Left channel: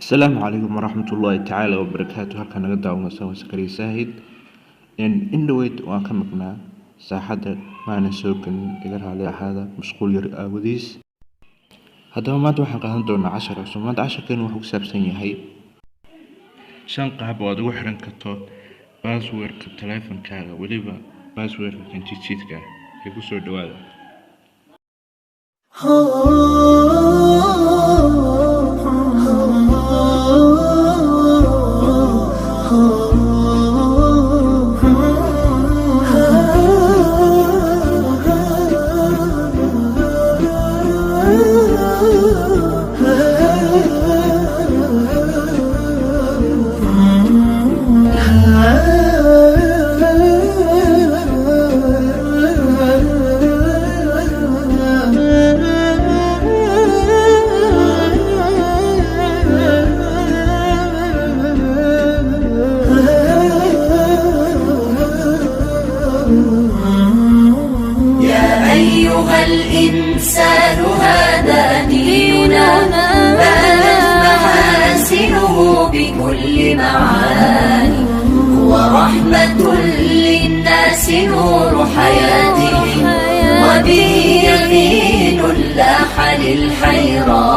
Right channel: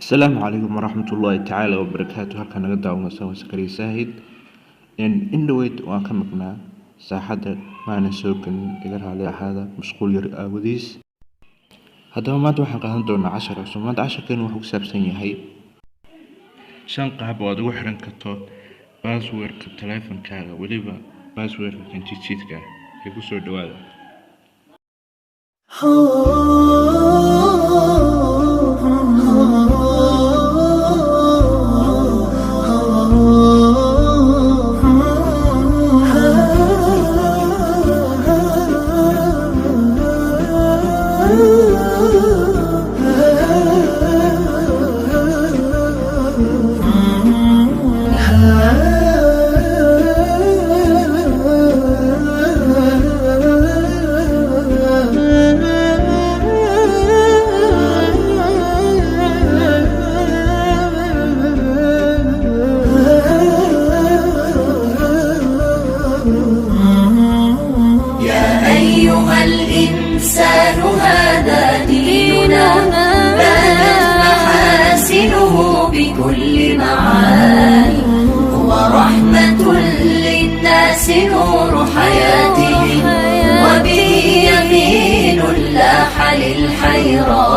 السلام عليكم ورحمة الله تعالى وبركاته. halkan naga daawanaysa waa Sakariya Saahid indhaweyd waan ka maqnaa saaxada maana soo galin iga raali ahaada mashquul yar aawadiis. Haddaba maanta waxaan qaadan doonaa cashar cusub. Maanta casharkeenu wuxuu ku saabsan yahay 5 qaab oo aad ugu xiran karto passwordka taleefankaaga, weliba passwordka kanjidka ee ku soo dhawaada. الإنسان هذا ديننا بانت محاسنه بكل معاني، هو رحمة للناس نور حياتهم، وبه يمين لاح للحيران.